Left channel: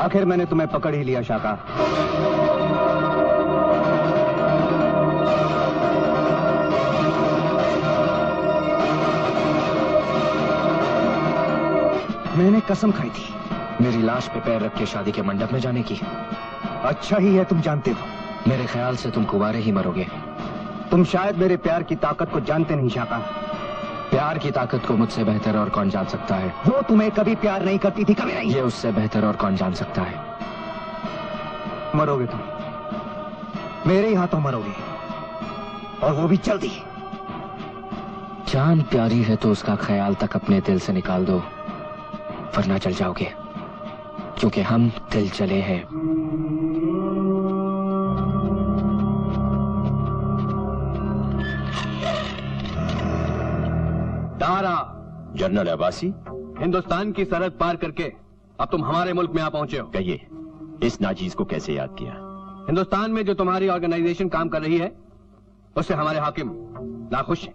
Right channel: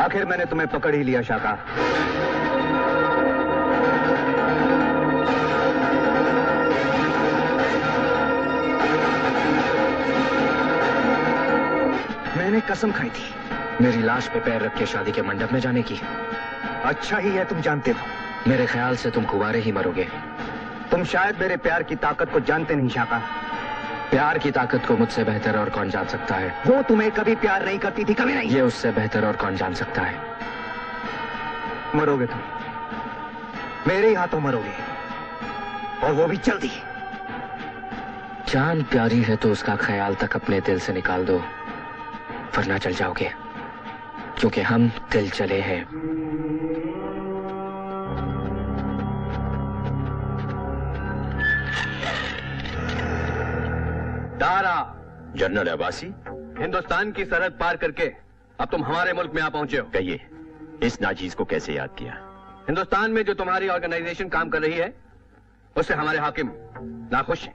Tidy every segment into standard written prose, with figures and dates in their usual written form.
आखिर मैंने तुम्हें पकड़ ही लिया शाका। मैंने कसम खाई थी मेरी लाश पे पैर रख के शादी के मंडप में जाने की। अच्छा ही है तुम जानते हो। मेरे ख्याल से तुम कुंवारे ही मरोगे। तुम शायद मेरे प्यार की ताकत को जानते नहीं शाका। प्यार की ताकत को मुझसे बेहतर और कौन जान सकता है। वो तुम्हें कभी प्यार नहीं करती थी, कभी नहीं। ये उससे बेहतर और कौन जान सकता है। मरोगे तुम, मेरे ही हाथों मरोगे, और वो भी जल्दी। जान प्यारी है तो उसका ख्याल तक अपने दिल से निकाल दो, वरना चल जाओगे, क्योंकि हम दिल चले हैं। दारा। जनरल अब्बासी, हिंदुस्तान की सरहद पार करके अब तुम हमारे मुल्क में आ पहुंचे हो। कहिए, इस नाचीज को कैसे याद किया? हिंदुस्तान में जो तुम्हारी ऑर्गेनाइजेशन काम कर रही है, उससे हमारे हाकिम नाखुश हैं।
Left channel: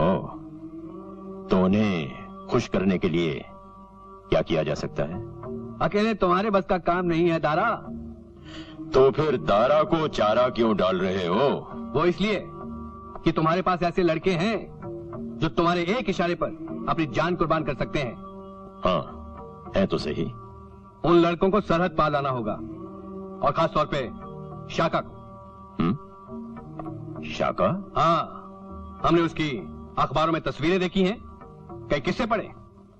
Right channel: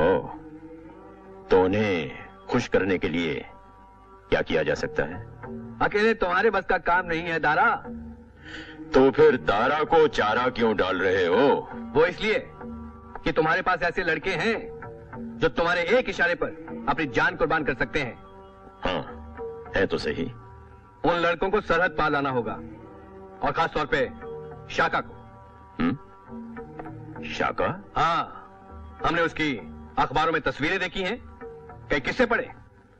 ओह, तो उन्हें खुश करने के लिए क्या किया जा सकता है? अकेले तुम्हारे बस का काम नहीं है दारा। तो फिर दारा को चारा क्यों डाल रहे हो? वो इसलिए कि तुम्हारे पास ऐसे लड़के हैं जो तुम्हारे एक इशारे पर अपनी जान कुर्बान कर सकते हैं। हाँ, है तो सही। उन लड़कों को सरहद पार लाना होगा, और खास तौर पे शाका को। शाका? हाँ, हमने उसकी अखबारों में तस्वीरें देखी हैं, कई किस्से पढ़े।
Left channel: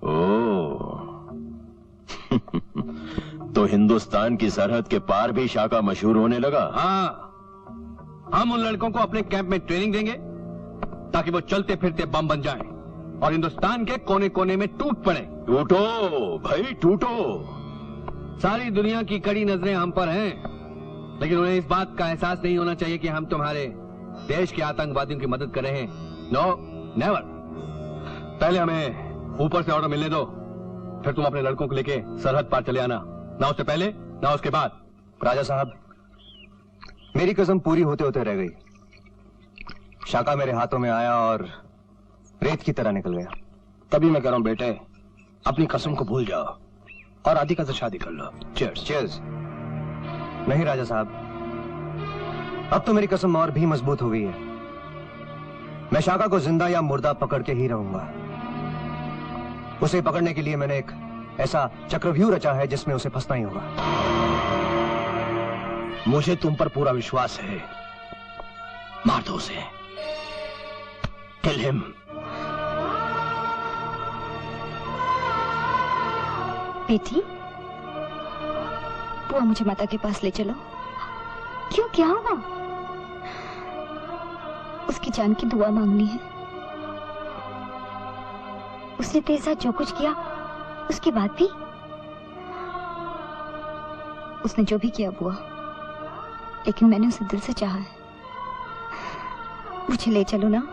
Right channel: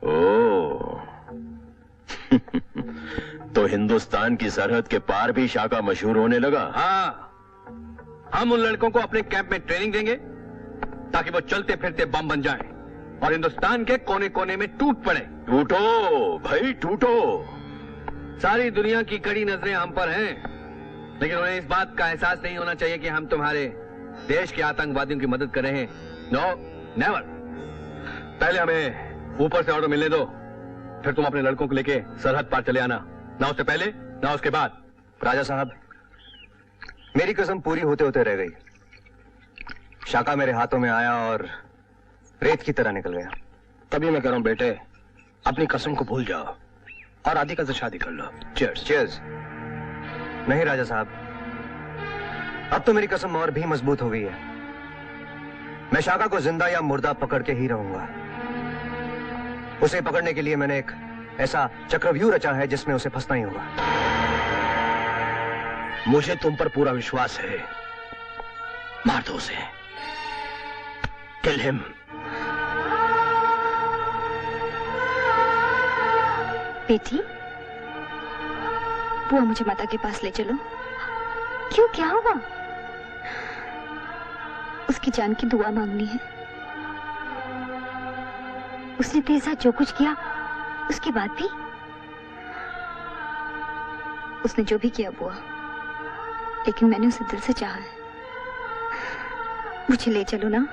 ओह तो हिंदुस्तान की सरहद के पार भी शाका मशहूर होने लगा। हाँ, हम उन लड़कों को अपने कैंप में ट्रेनिंग देंगे ताकि वो चलते फिरते बम बन जाएं और हिंदुस्तान के कोने कोने में टूट पड़े। टूटो भाई, टूटो। सारी दुनिया की कड़ी नजरें हम पर हैं, लेकिन उन्हें इस बात का एहसास नहीं होना चाहिए कि हम तुम्हारे देश के आतंकवादियों की मदद कर रहे हैं। No, never. पहले हमें ऊपर से ऑर्डर मिलने दो, फिर तुम अपने लड़कों को लेके सरहद पार चले आना, ना उससे पहले ना उसके बाद। राजा साहब, मेरी कसम पूरी होते होते रह गई। शाका मेरे हाथों में आया और रेत की तरह निकल गया। तभी मैं कह रहा हूं बेटे, अपनी कसम को भूल जाओ और राधिका से शादी कर लो। चीयर्स। चीयर्स। नहीं राजा साहब, अब तो मेरी कसम और भी मजबूत हो गई है। मैं शाका को जिंदा या मुर्दा पकड़ के ही रहूंगा। उसे पकड़ने के लिए मैंने एक ऐसा चक्रव्यूह रचा है जिसमें उसे फंसना ही होगा। मुझे तुम पर पूरा विश्वास है। मार दो उसे। Kill him. बेटी, बुआ मुझे माता के पास ले चलो। क्यों, क्या हुआ? उसकी जान की दुआ मांगनी है। उसने तेरे साथ जो कुछ किया, उसके बाद भी उसने जो भी किया बुआ, लेकिन मैंने उसे दिल से चाहा है। मुझे ले चलो ना।